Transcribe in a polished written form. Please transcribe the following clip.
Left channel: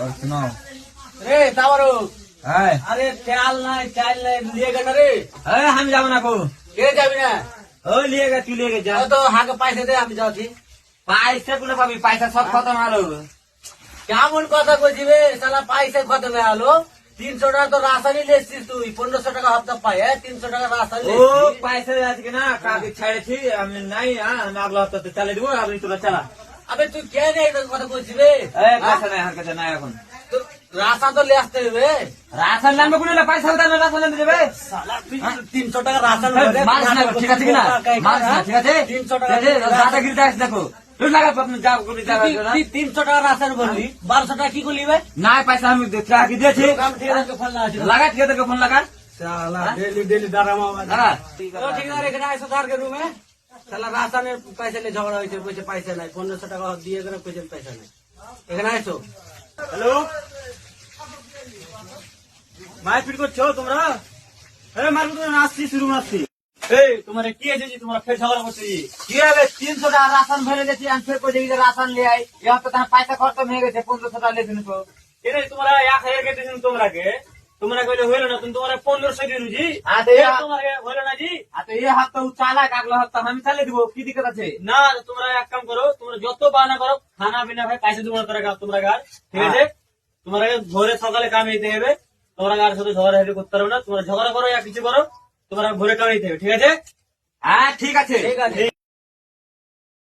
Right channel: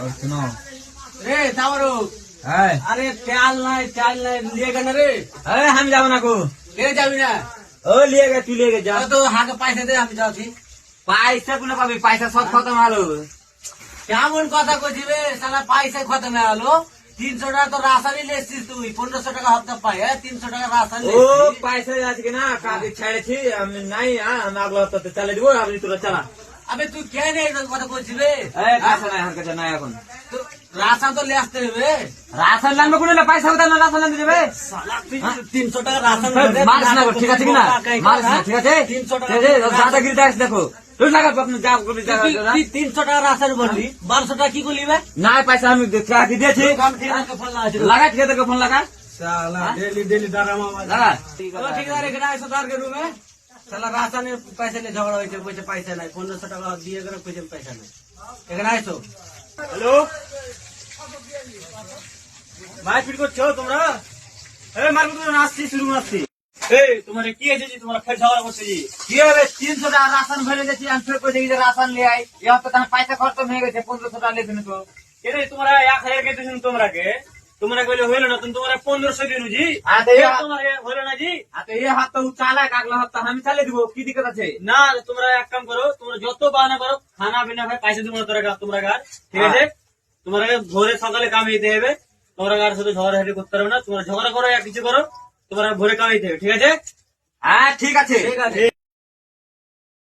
और सुनो। रे तावरो है अरे चाल नहीं लिए गए ना रे अरे हम जाओ ना को ले जाबी ना ओ लिए गए तू लिए गए जा तो हाके पैसा दे আমি যাচ্ছি पैसा कुले पाबी पैसा सब खत्म आलो কেমন কথা কইছিবে শালা পয়সা খতম হয়ে গেল 300 টাকা তো রাসানি লেছিস তুই 1500 টাকা হপ্তা পাই 300 টাকা রাসানি ओ पैसा आज के ना कागज छाड़े थी हम नहीं हम अगला हफ्ता ते चले दिबो अभी तोरा चला আবে তুই কে রে এই কথা কইছিবে ए पैसा नहीं हर के नहीं এখন তো রাসান তো লে আসতে হবে राशन लान में कुले पैसा उधार में राशन दे देबे শালা 300 টাকা রাসান मार्स ना ठीक है ना मार्स ना ठीक है 300 টাকা ज्यादा गिरता है देखो तू लगा अपने जाओ को जा তুই 300 টাকা রাসান বললি 1200 টাকা কি করলি বে ना पैसा हम क्या की दे थी কাম ঠিক আছে ফোন লাগা लगा ठीक है तो फोन लगा শালা ডেলি ডরামা लगा ঠিক আছে এখানে আইসো তার के रूम में শালা রাসানের পয়সা নিয়ে ঝগড়া হয়েছে কইছে পয়সা নাই 1500 টাকা দিয়ে করে কইছে পয়সা নাই এখানে আইসো हेलो মারপিট করছো তোমরা এই মারপিট করে আসছি শুরু আসছি এই তোমারে কি আছে যে তোমরা ফের ঝগড়া করতে জি কি হবে 300 টাকা রাशन ভরে দিয়েছি আমি ফের কই দেখি যে রাशन নিয়ে আই এই হপ্তাহ তার পয়সা খরচ হয়ে গেছে 1500 টাকা লেছেন তো এরে তোমরা 1000 কে দিন তোমরাকে তোমরা কইলে হলো না তুমি তোমরা 1500 দিন জি हाँ तो ये তোমারে হলো না জি ये हफ्ता उ चाला अगला हफ्ता हम चले দিব কি দিক্কত আছে না তোমরা এক কাম করো তোমরা যত বাহানা করো খানা পিনা ভাই পয়সা দিব না তোমরা গার ঠিক আছে তোমরা ভোরে সকালে কামাইতে হবে তোমরা আর সাথে ঝগড়া হেঁটে করতে পারবে না তোমরা ঝগড়া করো या কিছু করো তোমরা ভোরে কামাইতে হবে ঠিক আছে হ্যাঁ ঠিক আছে ঠিক আছে